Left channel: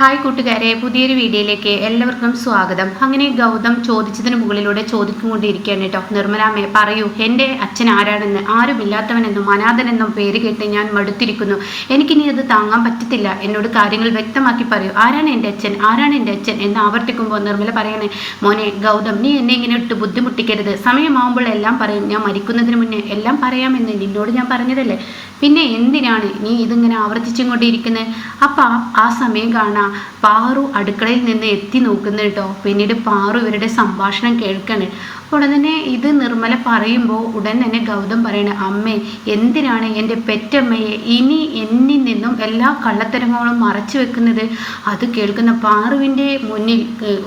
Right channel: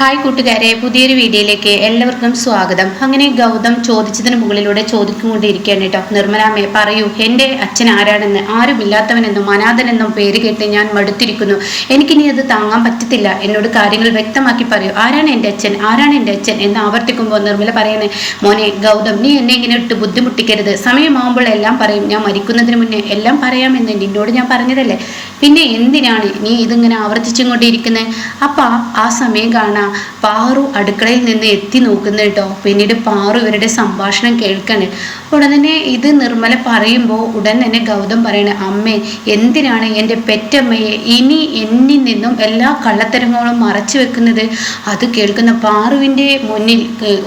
Hi കൂട്ടുകാരെ, പുതിയൊരു വീഡിയോയിലേക്ക് എല്ലാവർക്കും സ്വാഗതം. അങ്ങനെ ഗൗതം ചോദിച്ചതിന് മുകളിലൂടെ ചോദിക്കൊണ്ടിരിക്കുകയാണ് കേട്ടോ. നിർമ്മലാമ്മേ പറയൂ, എൻ്റെ അച്ഛൻ ആരാണെന്ന്. ആരുമില്ലാത്തവനെന്നും അനാഥനെന്നും പേര് കേട്ട് ഞാൻ മടുത്തിരിക്കുന്നു. എനിക്കിനി അത് താങ്ങാൻ പറ്റത്തില്ല. എന്നോട് കാര്യങ്ങൾ വ്യക്തമാക്കി പറയൂ. ആരാണ് എൻ്റെ അച്ഛൻ, ആരാണ് എൻ്റെ അച്ഛൻ എന്ന് ആവർത്തിക്കുമ്പോൾ നിർമ്മല പറയണേ, മോനെ ഗൗതം, നീ എന്നെ ഇങ്ങനെ ഇട്ട് ബുദ്ധിമുട്ടിക്കരുത്. സമയമാകുമ്പോൾ എല്ലാം പറയും. ഞാൻ മരിക്കുന്നതിന് മുന്നേ എല്ലാം പറയാമെന്ന് നിന്നോട് ഞാൻ പറഞ്ഞതല്ലേ. പിന്നെ എന്തിനാണ് നീ ഇതിങ്ങനെ ആവർത്തിച്ചും കൊണ്ടിരിക്കുന്നത്? അപ്പം ആ സമയം കാണാം പാറു അടുക്കളയിൽ നിന്ന് എത്തി നോക്കുന്ന കേട്ടോ. പിന്നീട് പാറു ഇവരുടെ സംഭാഷണം കേൾക്കാണ്. ഉടൻ തന്നെ ഇത് നിർമ്മല പറയുമ്പോൾ ഉടൻ തന്നെ ഗൗതം പറയണേ, അമ്മേ എന്തിനാണ് എൻ്റെ പെറ്റമ്മയെ ഇനി എന്നിൽ നിന്നും എല്ലാ കള്ളത്തരങ്ങളും മറച്ചു വെക്കുന്നത്? അത് കേൾക്കുന്ന പാറുവിൻ്റെ മുന്നിൽ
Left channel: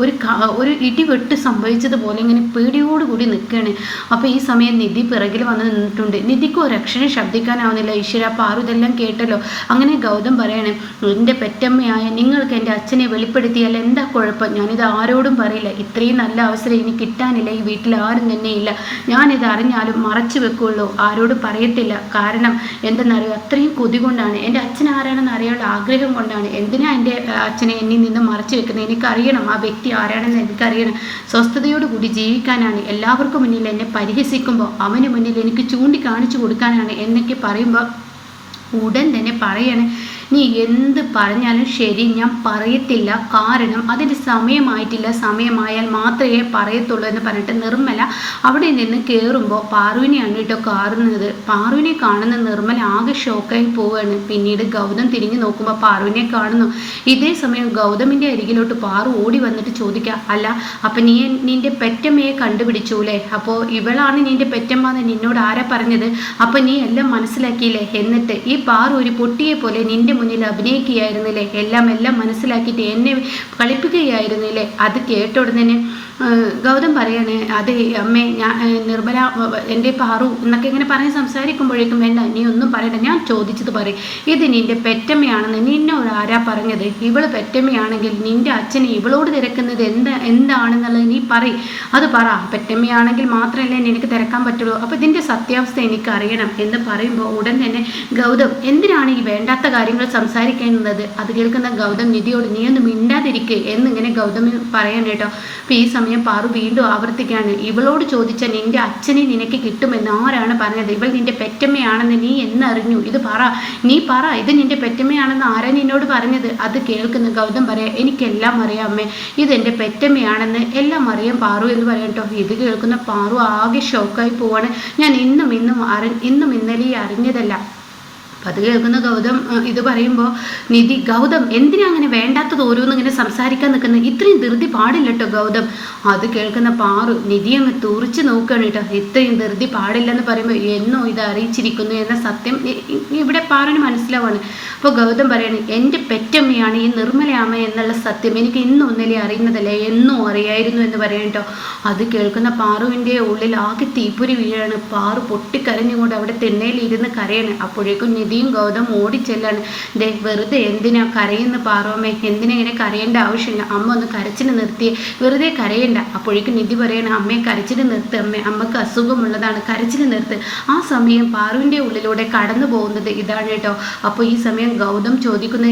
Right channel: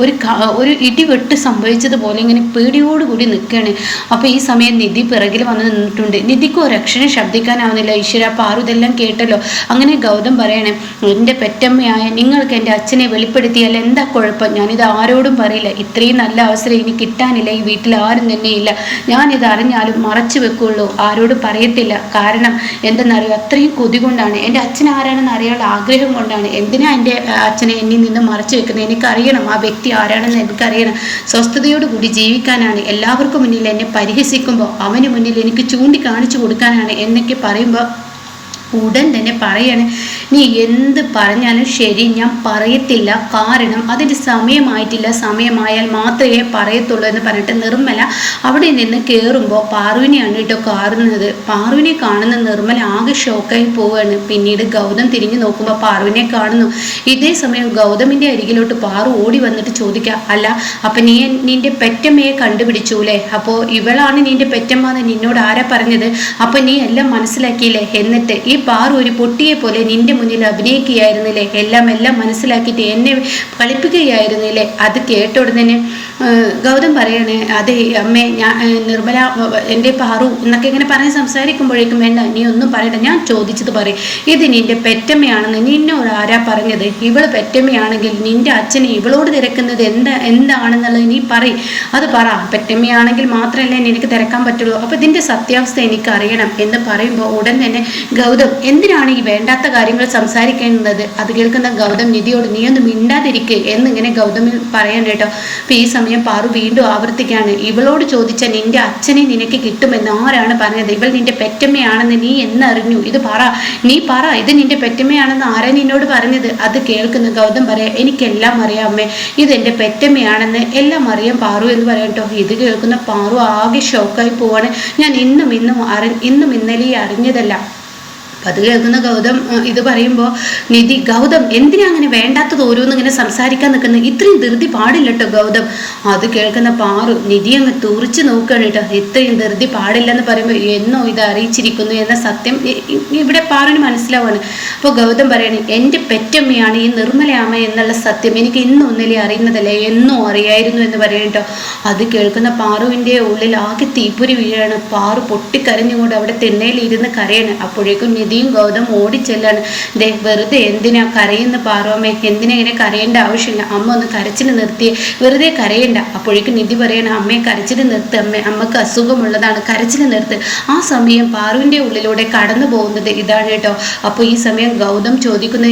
ഒരു ഇടിവെട്ട് സംഭവിച്ചതുപോലെ ഇങ്ങനെ പേടിയോടുകൂടി നിൽക്കുകയാണ്. അപ്പോൾ ഈ സമയം നിധി പിറകിൽ വന്ന് നിന്നിട്ടുണ്ട്. നിധിക്ക് ഒരു അക്ഷരം ശബ്ദിക്കാനാവുന്നില്ല. ഈശ്വര, പാറു ഇതെല്ലാം കേട്ടല്ലോ. അങ്ങനെ ഗൗതം പറയണേ, എൻ്റെ പെറ്റമ്മയായ നിങ്ങൾക്ക് എൻ്റെ അച്ഛനെ വെളിപ്പെടുത്തിയാൽ എന്താ കുഴപ്പം? ഞാനിത് ആരോടും പറയില്ല. ഇത്രയും നല്ല അവസരം ഇനി കിട്ടാനില്ല. ഈ വീട്ടിൽ ആരും തന്നെ ഇല്ല. ഞാനിത് അറിഞ്ഞാലും മറച്ചു വെക്കുള്ളൂ, ആരോടും പറയത്തില്ല. കാരണം എന്തെന്നറിയോ, അത്രയും കൊതി കൊണ്ടാണ്. എൻ്റെ അച്ഛൻ ആരാണെന്ന് അറിയാനുള്ള ആഗ്രഹം കൊണ്ടാണ്. എന്തിനാ എൻ്റെ അച്ഛനെ എന്നിൽ നിന്ന് മറച്ചു വെക്കുന്നത്? എനിക്കറിയണം ആ വ്യക്തി ആരാണെന്ന്. എനിക്കറിയണം. സ്വസ്ഥതയോടുകൂടി ജീവിക്കാനാണ്. എല്ലാവർക്കും മുന്നിൽ എന്നെ പരിഹസിക്കുമ്പോൾ അവന് മുന്നിൽ എനിക്ക് ചൂണ്ടിക്കാണിച്ചു കൊടുക്കാനാണ് എന്നൊക്കെ പറയുമ്പോൾ ഉടൻ തന്നെ പറയാണ്, നീ എന്ത് പറഞ്ഞാലും ശരി, ഞാൻ പറയത്തില്ല. കാരണം അതിൻ്റെ സമയമായിട്ടില്ല. സമയമായാൽ മാത്രമേ പറയത്തുള്ളൂ എന്ന് പറഞ്ഞിട്ട് നിർമ്മല അവിടെ നിന്ന് കയറുമ്പോൾ പാറുവിനെയാണ് കേട്ടോ കാണുന്നത്. പാറുവിനെ കാണുന്ന നിർമ്മല ആകെ ഷോക്കായി പോവുകയാണ്. പിന്നീട് ഗൗതം തിരിഞ്ഞു നോക്കുമ്പോൾ പാറുവിനെ കാണുന്നു. ഇതേ സമയം ഗൗതമിൻ്റെ അരികിലോട്ട് പാറു ഓടി വന്നിട്ട് ചോദിക്കുക, അല്ല അപ്പം നീ നിന്റെ പെറ്റമ്മയെ കണ്ടുപിടിച്ചൂലേ? അപ്പോൾ ഇവളാണ് നിന്റെ പെറ്റമ്മ എന്ന് നിന്നോട് ആരാ പറഞ്ഞത്? അപ്പം നീ എല്ലാം മനസ്സിലാക്കിയില്ലേ? എന്നിട്ട് ഈ പാറു ഒരു പൊട്ടിയെ പോലെ നിന്റെ മുന്നിൽ അഭിനയിക്കുകയായിരുന്നില്ലേ? എല്ലാം മനസ്സിലാക്കിയിട്ട് എന്നെ കളിപ്പിക്കുകയായിരുന്നില്ലേ? അത് കേട്ട ഉടനെ ഗൗതം പറയാണ്, അതെ അമ്മേ, ഞാൻ നിർമ്മല എൻ്റെ പാറു എന്നൊക്കെ ഇങ്ങനെ പറഞ്ഞ് സംസാരിക്കുമ്പോഴേക്കും, വേണ്ട നീ ഒന്നും പറയണ്ട, ഞാൻ ചോദിച്ചത് പറയും. ഇത് നിന്റെ പെറ്റമ്മയാണെന്ന് നിന്നോട് ആരാ പറഞ്ഞത്? ഇവള് പെറ്റമ്മയാണെങ്കിൽ നിന്റെ അച്ഛനെ ഇവളോട് തിരക്കുന്നത് എന്താണെന്നുള്ളത് നീ പറയും. അത് പറ. പെറ്റമ്മയാണെങ്കിൽ മാത്രമല്ലേ നിനക്ക് തിരക്കാൻ പറ്റുള്ളൂ. അപ്പോൾ ഇതിൻ്റെ സത്യാവസ്ഥ എനിക്കറിയണം എന്ന് പറയുമ്പോൾ ഉടൻ തന്നെ ഗൗതം, എന്തിനാണ് ഈ വേണ്ടാത്ത കാര്യങ്ങൾ സംസാരിക്കുന്നത്? അത് കേൾക്കുന്ന ഗൗതം നിധിയോട്, നീ ഒന്നും മിണ്ടാതിരിക്കുക എന്നിങ്ങനെ ഗൗതം പറയാൻ കേട്ടോ. അപ്പോൾ ഈ സമയം പാറു വീണ്ടും ആവർത്തിക്കാണ്, ഇവളോട് ചോദിച്ച നിന്റെ അച്ഛനെ നിനക്ക് കിട്ടുമെന്ന് ആരാണ് പറഞ്ഞത്? ഇവൾ നിന്റെ പെറ്റമ്മയാണെന്ന് നീ എന്നറിഞ്ഞു? ഇത് പറ, നീ പറ, ഇത് നിന്റെ പെറ്റമ്മയാണെന്ന് ആരാ നിന്നോട് പറഞ്ഞത്? അത് കേൾക്കുന്ന ഗൗതം പറയാം, എനിക്കെല്ലാം അറിയാം അമ്മേ, ഇതെൻ്റെ പെറ്റമ്മയാണെന്ന് എല്ലാം അറിയാം പാറു എന്ന് പറയാം കേട്ടോ. ഇത് കേൾക്കുന്ന പാറു ആകെ ഷോക്കായി പോവാണ്. ഞാൻ ഇന്നും ഇന്നലെ അറിഞ്ഞതല്ല. അത് കേൾക്കുന്ന ഗൗതം ഇത് പറയുമ്പോൾ നിധി, ഗൗതം എന്തിനാ അങ്ങനെ വേണ്ടാത്തത് ഓരോന്നും ഇങ്ങനെ സംസാരിക്കാൻ നിൽക്കുന്നത്? ഇത്രയും ധൃതി പാടില്ല കേട്ടോ ഗൗതം. അത് കേൾക്കുന്ന പാറു നിധി അങ്ങ് തുറിച്ച് നോക്കുകയാണ് കേട്ടോ. ഇത്രയും ധൃതി പാടില്ലെന്ന് പറയുമ്പോൾ എന്നോ ഇത് അറിയിച്ചിരിക്കുന്നു എന്ന സത്യം ഇവിടെ പാറുവിന് മനസ്സിലാവാണ്. അപ്പോൾ ഗൗതം പറയാണ്, എൻ്റെ പെറ്റമ്മയാണ് ഈ നിർമ്മലയാമ്മ എന്നുള്ള സത്യം എനിക്ക് ഇന്നും ഒന്നല്ലേ അറിയുന്നതല്ലേ, എന്നോ അറിയായിരുന്നു എന്ന് പറയാം കേട്ടോ. അത് കേൾക്കുന്ന പാറുവിൻ്റെ ഉള്ളിൽ ആകെ തീപ്പൊരി വീഴാണ്. പാറു പൊട്ടിക്കരഞ്ഞുകൊണ്ട് അവിടെ തിണ്ണയിലിരുന്ന് കരയാണ്. അപ്പോഴേക്കും നിധിയും ഗൗതം ഓടിച്ചെല്ലാണ്. ദേ, വെറുതെ എന്തിനാ കരയുന്ന പാറുവമ്മേ? എന്തിനാ ഇങ്ങനെ കരയേണ്ട ആവശ്യമില്ല. അമ്മ ഒന്ന് കരച്ചിന് നിർത്തിയേ, വെറുതെ കരയണ്ട. അപ്പോഴേക്കും നിധി പറയണ, അമ്മയെ കരച്ചിന് നിർത്ത്, അമ്മക്ക് അസുഖമുള്ളതാണ്, കരച്ചിന് നിർത്ത്. ആ സമയം പാറുവിൻ്റെ ഉള്ളിലൂടെ കടന്നു പോകുന്നത് ഇതാണ് കേട്ടോ. അപ്പോൾ ഈ സമയം ഗൗതം ചോദിക്കുന്ന,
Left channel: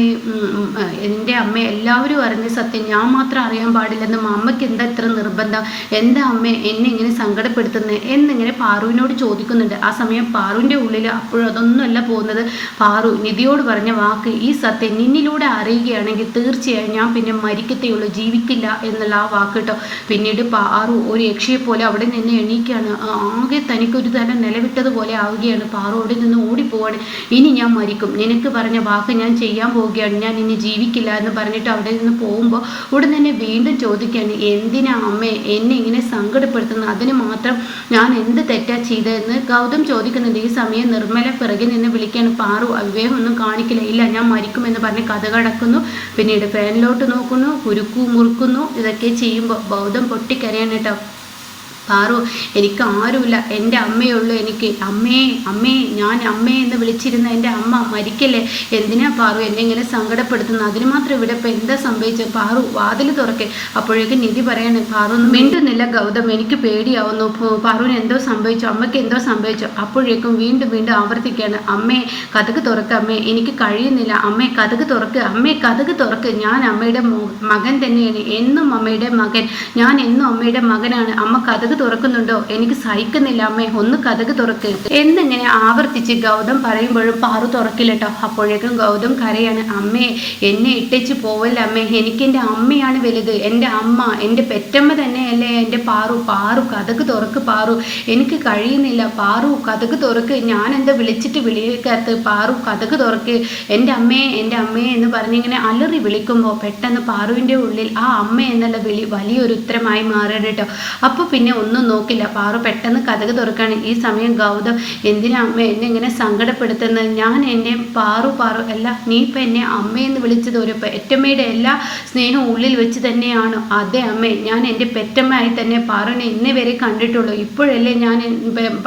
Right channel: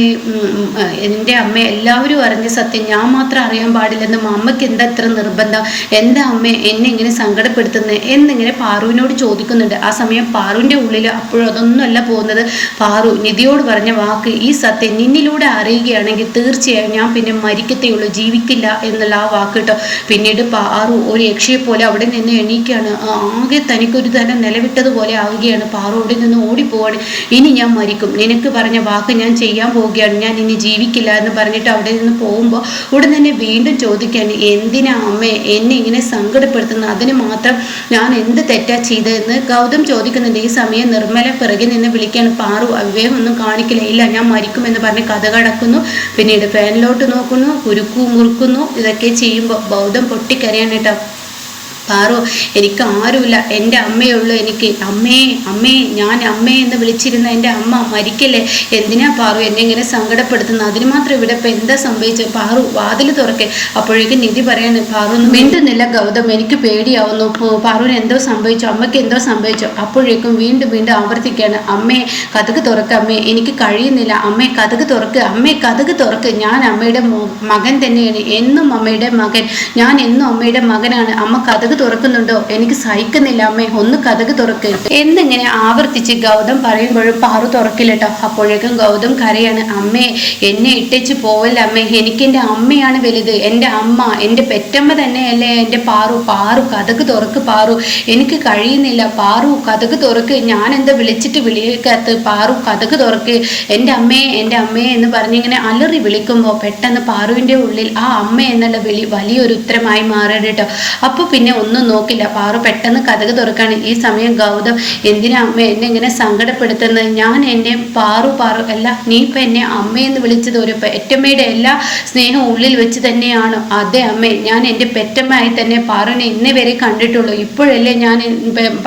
എൻ്റെ അമ്മ എല്ലാവരും അറിഞ്ഞ സത്യം ഞാൻ മാത്രം അറിയാൻ പാടില്ലെന്നും അമ്മയ്ക്ക് എന്താ ഇത്ര നിർബന്ധം? എന്താ അമ്മ എന്നെ ഇങ്ങനെ സങ്കടപ്പെടുത്തുന്നത് എന്നിങ്ങനെ പാറുവിനോട് ചോദിക്കുന്നുണ്ട്. ആ സമയം പാറുവിൻ്റെ ഉള്ളിൽ അപ്പോഴും അതൊന്നുമല്ല പോകുന്നത്. പാറു നിധിയോട് പറഞ്ഞ വാക്ക്, ഈ സത്യം നിന്നിലൂടെ അറിയുകയാണെങ്കിൽ തീർച്ചയായും ഞാൻ പിന്നെ മരിക്കത്തേയുള്ളൂ, ജീവിക്കില്ല എന്നുള്ള ആ വാക്ക് കേട്ടോ. പിന്നീട് പാറു ഒരു യക്ഷയെ പോലെ അവിടെ നിന്ന് എണീക്കുകയാണ്. ആകെ തനിക്കൊരു തരം നിലവിട്ടതുപോലെ ആവുകയാണ്. പാറു അവിടെ നിന്ന് ഓടിപ്പോവാണ്. ഇനി ഞാൻ മരിക്കും, നിനക്ക് പറഞ്ഞ വാക്ക് ഞാൻ ചെയ്യാൻ പോവുകയാണ്, ഞാൻ ഇനി ജീവിക്കില്ല എന്ന് പറഞ്ഞിട്ട് അവിടെ നിന്ന് പോകുമ്പോൾ ഉടൻ തന്നെ വീണ്ടും ചോദിക്കുകയാണ്, എന്തിനാ അമ്മേ എന്നെ ഇങ്ങനെ സങ്കടപ്പെടുത്തുന്നത്? അതിന് മാത്രം ഞാൻ എന്ത് തെറ്റാ ചെയ്തതെന്ന് ഗൗതം ചോദിക്കുന്നുണ്ട്. ഈ സമയം നിർമ്മല പിറകെ നിന്ന് വിളിക്കുകയാണ്, പാറു അവിവേകം ഒന്നും കാണിക്കില്ല, ഇല്ല ഞാൻ മരിക്കുമെന്ന് പറഞ്ഞ് കഥ കടക്കുന്നു. പിന്നീട് ഫാനിലോട്ട് നോക്കുന്നു, കുരുക്കു മുറുക്കുന്നു. ഇതൊക്കെ ചെയ്യുമ്പോൾ ഗൗതം പൊട്ടിക്കരയാണ് കേട്ടോ. പാറു എനിക്ക് ആരുമില്ല, എൻ്റെ അമ്മയേ ഉള്ളൂ എനിക്ക്. അമ്മേ അമ്മേ ഞാൻ അമ്മേ എന്ന് വിളിച്ചിരുന്ന എൻ്റെ അമ്മ മരിക്കല്ലേ, എന്തിനാ പാറു എന്നെ ഇങ്ങനെ സങ്കടപ്പെടുത്തുന്നത്? അതിന് മാത്രം ഇവിടെ ഇപ്പം എന്താ സംഭവിച്ചത്? പാറു വാതിൽ തുറക്കെ. അപ്പോഴേക്കും നിധി പറയാണ്, പാറു ഒന്നും മിണ്ടുന്നില്ല ഗൗതം, എനിക്ക് പേടിയാവുന്നു, പാറുവിന് എന്തോ സംഭവിച്ചു, അമ്മയ്ക്ക് എന്തോ സംഭവിച്ചു. അപ്പോഴേക്കും വീണ്ടും വീണ്ടും ആവർത്തിക്കുകയാണ്, അമ്മേ കതക് തുറക്ക്, അമ്മേ എനിക്ക് കഴിയുന്നില്ല, അമ്മേ കതക് തുറക്ക്, അമ്മേ കതക് തുറക്ക്, ഞാൻ അമ്മയുടെ മകൻ തന്നെയാണ്, എന്നും അമ്മയുടെ മകൻ, ഞാൻ എന്നും അമ്മയുടെ മകനാണ്, അമ്മ കതക് തുറക്കുന്നുണ്ടോ? എനിക്ക് സഹിക്കുന്നില്ല അമ്മേ, ഒന്ന് കതക് തുറക്ക് എന്നിങ്ങനെ ആവർത്തിച്ച് ഗൗതം പറയുമ്പോഴും പാറു തുറക്കില്ല കേട്ടോ. അപ്പോഴേക്കും ഗൗതം കരയാണ്, അമ്മേ എന്നെ ഇട്ടേച്ച് പോവല്ല അമ്മേ, എനിക്ക് എൻ്റെ അമ്മയാണ് വലുത്, എൻ്റെ അമ്മ, എൻ്റെ പെറ്റമ്മ തന്നെയല്ലേ എൻ്റെ പാറു, പാറു കതക് തുറക്ക്, പാറു എനിക്ക് കഴിയുന്നില്ല, പാറു കതക് തുറക്ക്, ഞാൻ എന്താ വിളിച്ചിട്ട് വിളിക്കാത്ത, പാറു കതക് തുറക്ക്, എൻ്റെ അമ്മേ എൻ്റെ അമ്മേ എന്ന് പറഞ്ഞിങ്ങനെ അലറി വിളിക്കുമ്പോൾ പെട്ടെന്ന് പാറുവിൻ്റെ ഉള്ളിൽ ആ അമ്മ എന്നുള്ള വിളി വലിയൊരു ഉത്തരമായി മാറണം കേട്ടോ. അപ്പോൾ പിന്നെ ഒന്നും നോക്കില്ല, പാറു പെട്ടെന്ന് കതക് തുറക്കാണ്. ഈ സമയം ഗൗതം, എന്തിനാ അമ്മ എന്നെ ഇങ്ങനെ സങ്കടപ്പെടുത്തുന്നത്? ഞാൻ എൻ്റെ പാറു പാറു അല്ല, നീ ഇപ്പം എന്നെ അമ്മയെന്ന് വിളിച്ചത് ഒരു പെറ്റമ്മയുടെ എല്ലാ സ്നേഹവും ഉള്ളിൽ വെച്ച് തന്നെയാണോ? അതെ അമ്മേ, ഞാൻ എൻ്റെ പെറ്റമ്മയായി തന്നെ പാറുവിനെ ഇന്നേ വരെ കണ്ടിട്ടുള്ളൂ, ഇപ്പോഴല്ലേ ഞാൻ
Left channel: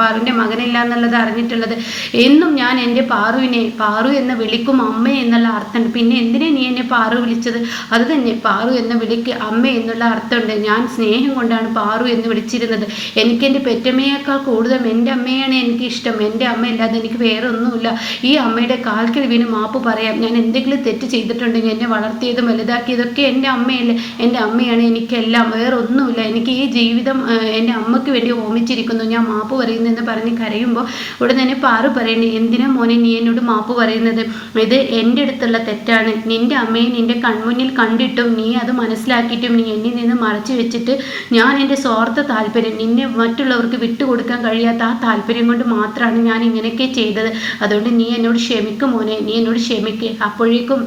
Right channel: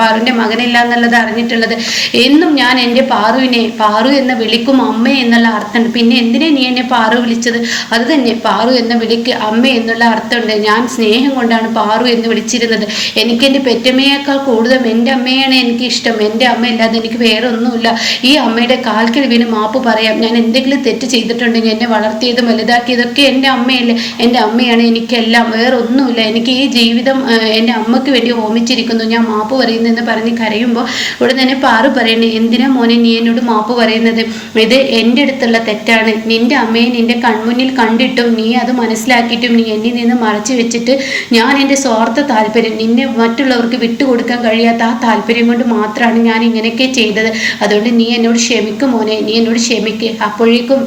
പാറുവിൻ്റെ മകനില്ല എന്നുള്ളത് അറിഞ്ഞിട്ടുള്ളത്. എന്നും ഞാൻ എൻ്റെ പാറുവിനെ പാറു എന്ന് വിളിക്കും അമ്മ എന്നുള്ള അർത്ഥമുണ്ട്. പിന്നെ എന്തിനാ നീ എന്നെ പാറു വിളിച്ചത്? അത് തന്നെ, പാറു എന്ന വിളിക്ക് അമ്മ എന്നുള്ള അർത്ഥമുണ്ട്. ഞാൻ സ്നേഹം കൊണ്ടാണ് പാറു എന്ന് വിളിച്ചിരുന്നത്. എനിക്ക് എൻ്റെ പെറ്റമ്മയേക്കാൾ കൂടുതൽ എൻ്റെ അമ്മയാണ് എനിക്ക് ഇഷ്ടം. എൻ്റെ അമ്മ ഇല്ലാതെ എനിക്ക് വേറെ ഒന്നുമില്ല. ഈ അമ്മയുടെ കാൽക്കൽ വീണ് മാപ്പ് പറയാം. ഞാൻ എന്തെങ്കിലും തെറ്റ് ചെയ്തിട്ടുണ്ടെങ്കിൽ എന്നെ വളർത്തിയതും വലുതാക്കിയതൊക്കെ എൻ്റെ അമ്മയല്ലേ, എൻ്റെ അമ്മയാണ് എനിക്കെല്ലാം, വേറെ ഒന്നുമില്ല. എനിക്ക് ഈ ജീവിതം എൻ്റെ അമ്മയ്ക്ക് വേണ്ടി ഹോമിച്ചിരിക്കുന്നു, ഞാൻ മാപ്പ് പറയുന്നതെന്ന് പറഞ്ഞ് കരയുമ്പോൾ ഉടൻ തന്നെ പാറു പറയണേ, എന്തിനാ മോനെ നീ എന്നോട് മാപ്പ് പറയുന്നത്? ഇത് എൻ്റെ അടുത്തുള്ള തെറ്റാണ്. നിൻ്റെ അമ്മയെ നിൻ്റെ കൺമുന്നിൽ കണ്ടിട്ടും നീ അത് മനസ്സിലാക്കിയിട്ടും നീ എന്നിൽ നിന്ന് മറച്ചു വെച്ചിട്ട്, ഞാൻ എൻ്റെ സ്വാർത്ഥ താല്പര്യം, നിന്നെ മറ്റുള്ളവർക്ക് വിട്ടുകൊടുക്കാൻ കഴിയാത്ത ആ താല്പര്യം കൊണ്ട് മാത്രമാണ് ഞാൻ ഇങ്ങനെയൊക്കെ ചെയ്തത്. അതുകൊണ്ട് നീ എന്നോട് ക്ഷമിക്കും മോനെ, നീ എന്നോട് ക്ഷമിക്ക്. അപ്പോഴേക്കും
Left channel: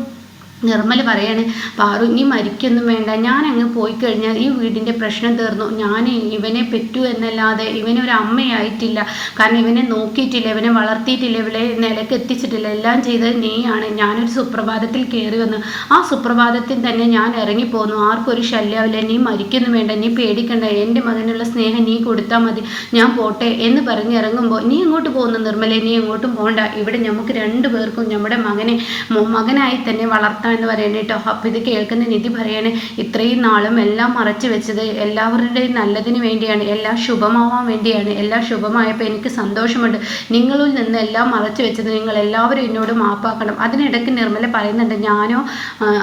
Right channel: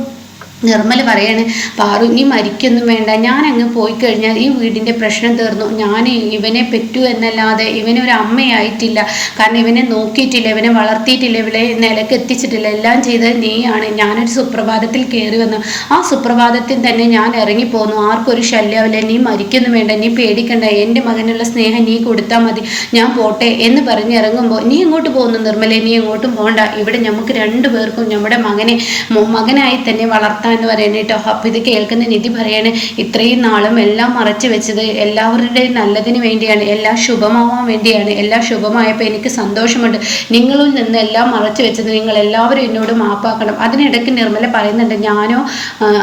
നിർമ്മല പറയാണ്, പാറു നീ മരിക്കൊന്നും വേണ്ട, ഞാൻ അങ്ങ് പോയി കഴിഞ്ഞാൽ ഈ വീടിൻ്റെ പ്രശ്നം തീർന്നു. ഞാൻ ഇവനെ പെറ്റു എന്നല്ലാതെ ഇവനെ ഒരു അമ്മയായിട്ടില്ല. കാരണം ഇവനെ നോക്കിയിട്ടില്ല, ഇവനെ വളർത്തിയിട്ടില്ല, ഇവിടെ നിലക്ക് എത്തിച്ചിട്ടില്ല. എല്ലാം ചെയ്തത് നീയാണ്. ഞാനൊരു സുപ്രഭാതത്തിൽ കയറി വന്നു, ആ സുപ്രഭാതത്തിൽ തന്നെ ഞാൻ ഇറങ്ങിപ്പോന്നു. ആർക്കൊരു ശല്യമില്ല, നീ മരിക്കൊന്നും വേണ്ട, നീ പേടിക്കണ്ട, എൻ്റെ മകനുള്ള സ്നേഹം നീ കൊടുത്താൽ മതി, ഞാൻ പോട്ടെ എന്ന് പറഞ്ഞ് ഇറങ്ങുമ്പോൾ, നീ എങ്ങോട്ട് പോകുന്നു നിർമ്മല? നീ എങ്ങോട്ടും പോകണ്ട, ഇവിടെ നമുക്ക് രണ്ടുപേർക്കും നമ്മുടെ മകനായി തന്നെ വളർത്താൻ എന്ന് പറയുന്നത് കേട്ടോ. അപ്പം ഇത് കേൾക്കുന്ന നിധി പറയാണ്, ഇത്രയും നാളും എല്ലാം മറച്ചു വെച്ചത് എല്ലാവരുടെയും നല്ലതിന് വേണ്ടിയാണ്, എല്ലാം ശുഭമാവാൻ വേണ്ടിയാണ്. എല്ലാം ശുഭമായപ്പോൾ എനിക്ക് സന്തോഷമുണ്ട്. നിങ്ങളിൽ നിന്ന് എല്ലാം മറച്ചു വെച്ചത് നിങ്ങൾ എല്ലാവരും എന്നോട് മാപ്പാക്കണം. അതിനിടയ്ക്ക് നിർമ്മല പറയുന്നുണ്ട്, ഞാനോ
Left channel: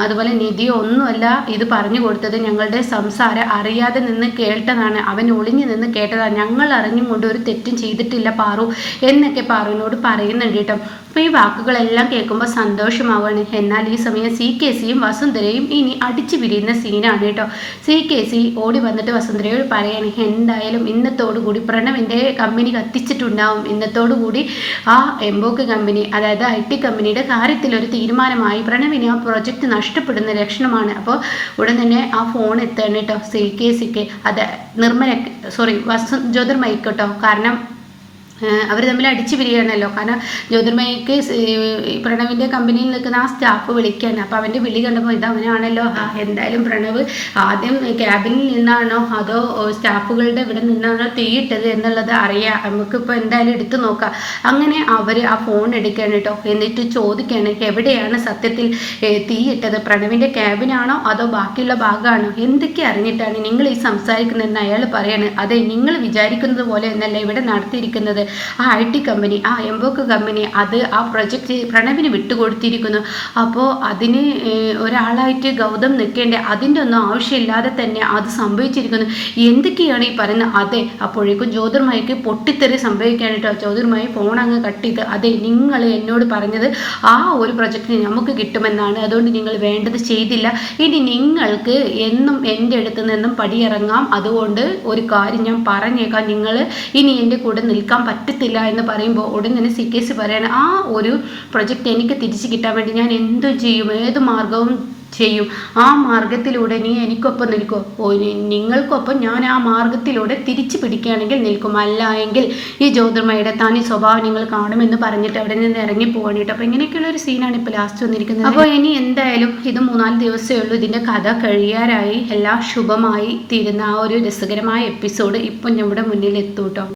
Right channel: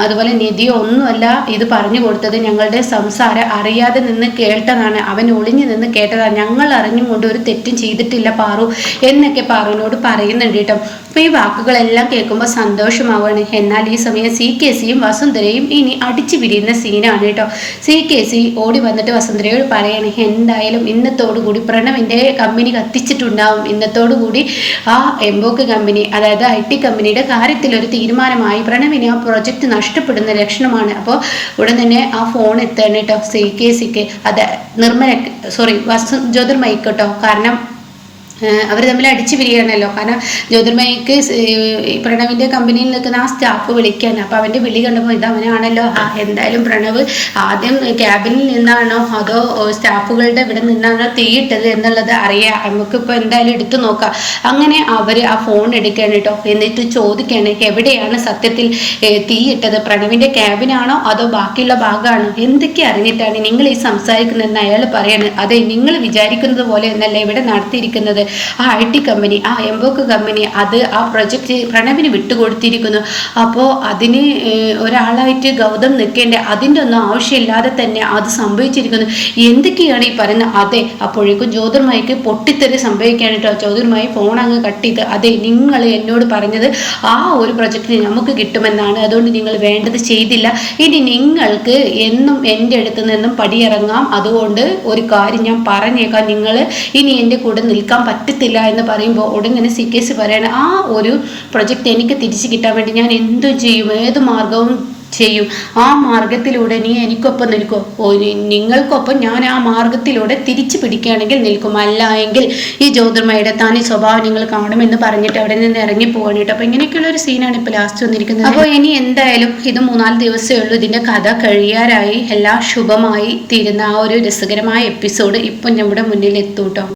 അതുപോലെ നിധിയോ ഒന്നുമല്ല ഇത് പറഞ്ഞു കൊടുത്തത്, ഞങ്ങളുടെ സംസാരം അറിയാതെ നിന്ന് കേട്ടതാണ്, അവൻ ഒളിഞ്ഞു നിന്ന് കേട്ടതാണ്, ഞങ്ങൾ അറിഞ്ഞും കൊണ്ട് ഒരു തെറ്റും ചെയ്തിട്ടില്ല പാറു എന്നൊക്കെ പാറുവിനോട് പറയുന്നുണ്ട് കേട്ടോ. അപ്പോൾ ഈ വാക്കുകളെല്ലാം കേൾക്കുമ്പോൾ സന്തോഷമാവാണ്. എന്നാൽ ഈ സമയം CKCയും വസുന്ധരയും ഇനി അടിച്ചു പിരിയുന്ന സീനാണ് കേട്ടോ. CKC ഓടി വന്നിട്ട് വസുന്ധരയോട് പറയണേ, എന്തായാലും ഇന്നത്തോടുകൂടി പ്രണവിൻ്റെ കമ്പനി കത്തിച്ചിട്ടുണ്ടാവും, ഇന്നത്തോടുകൂടി ആ എംബോക്ക് കമ്പനി, അതായത് IT കമ്പനിയുടെ കാര്യത്തിൽ ഒരു തീരുമാനമായി. പ്രണവിന് ആ പ്രൊജക്റ്റ് നഷ്ടപ്പെടുന്ന ലക്ഷണമാണ്. അപ്പോൾ ഉടൻ തന്നെ ആ ഫോൺ എത്തണം കേട്ടോ CKCക്ക്, അത് ജ്യോതിർമയിക്ക് കേട്ടോ. കാരണം അവർ തമ്മിൽ അടിച്ചു പിരിയണല്ലോ. കാരണം ജ്യോതിർമയിക്ക് പ്രണവിൻ്റെ കമ്പനിയിൽ നിൽക്കുന്ന ആ സ്റ്റാഫ് വിളിക്കാൻ, അപ്പോൾ അവൻ്റെ വിളി കണ്ടപ്പോൾ ഇത് അവനാണല്ലോ, എന്തായാലും പ്രണവ് ആദ്യം ക്യാബിനിൽ നിന്നാണോ അതോ സ്റ്റാഫുകളുടെ ഇവിടെ നിന്നാണോ തീയിട്ടത് എന്നുള്ളത് അറിയാം, നമുക്കിപ്പോൾ എന്തായാലും എടുത്തു നോക്കാം. അങ്ങനെ അവർ ആ ഫോൺ എടുക്കുകയാണ് കേട്ടോ. എന്നിട്ട് ചോദിക്കുകയാണ്, എവിടെയാണ് സത്യത്തിൽ തീയിട്ടത്, പ്രണവിൻ്റെ ക്യാബിനാണോ അതോ ബാക്കിയുള്ള ഭാഗമാണോ, എന്തൊക്കെ അറിഞ്ഞിട്ടാണ് നിങ്ങൾ ഈ സംസാരിക്കുന്നതെന്ന് അയാൾ പറയാണ്. അതെ, നിങ്ങൾ വിചാരിക്കുന്നത് പോലെ എന്നല്ല ഇവിടെ നടത്തിയിരിക്കുന്നത്. ആ IT കമ്പനി, ആ എംബോക്ക് കമ്പനി, അത് ആ പ്രൊജക്റ്റ് പ്രണവിന് വിട്ടുകൊടുത്തിരിക്കുന്നു. അപ്പോൾ അതിന് ഒരാളായിട്ട് ഗൗതം നിൽക്കേണ്ട, അതിൻ്റെ ഒന്നും ആവശ്യമില്ലാതെ തന്നെ അത് സംഭവിച്ചിരിക്കുന്നു. എന്തൊക്കെയാണ് ഈ പറയുന്നത്? അതെ, അപ്പോഴേക്കും ജ്യോതിർമയിക്ക് പൊട്ടിത്തെറി സംഭവിക്കുകയാണ് കേട്ടോ. ജ്യോതിർമയി ഫോൺ അങ്ങ് കട്ട് ചെയ്ത്, അതെ നിങ്ങൾ എന്നോട് പറഞ്ഞത് ആ ഒരു പ്രൊജക്റ്റിന് നമുക്ക് കിട്ടുമെന്നാണ്, അതുകൊണ്ട് നിങ്ങൾ വേണ്ടത് ചെയ്തില്ല. ഇനി നിങ്ങൾക്ക് എന്നും എൻ്റെ അടുത്ത് നിന്നും പടിയിറങ്ങാം. അതുകൊണ്ട് ഒരു കാര്യം ഞാൻ പറഞ്ഞേക്കാം, നിങ്ങൾ ഇനി എൻ്റെ കൂടെ നിൽക്കാൻ പറ്റത്തില്ല എന്ന് പറയുമ്പോൾ ഉടൻ തന്നെ CKC പറയണം, ആ ഒരു പ്രൊജക്റ്റ് എനിക്ക് തിരിച്ചു കിട്ടാൻ വേണ്ടി ഞാൻ എന്തും ചെയ്യും, ഏത് മാർഗവും ചെയ്യും. ആ മാർഗത്തിലൂടെ നീ എനിക്കൊപ്പം നിൽക്കോ? നിങ്ങൾക്കൊപ്പം ഞാൻ ആ മാർഗത്തിലൂടെ തിരിച്ചു പിടിക്കുകയാണെങ്കിൽ നിൽക്കും, അല്ല എങ്കിൽ ഈ ജ്യോതിർമയുടെ തനി സ്വഭാവം നിങ്ങൾ കാണുമെന്ന് പറഞ്ഞിട്ട് അവിടെ നിന്ന് ഇറങ്ങി പോവാണ് കേട്ടോ. അപ്പൊ ഇങ്ങനെയൊക്കെയുള്ള ഒരു സീനാണ് ഇപ്പൊ ലാസ്റ്റ് വന്നിരിക്കുന്നത്. അപ്പോൾ ഇനി എന്തായാലും ഇത് 3-4 ദിവസമേ ഉള്ളൂ ഇതിന്റെ കഥ കഴിയാറായി. എല്ലാം ശുഭമായി തീരുന്ന ആ ഒരു രസകരമായ എപ്പിസോഡ് ഇപ്പൊ നമ്മുടെ മുന്നിൽ എത്തൂട്ടോ.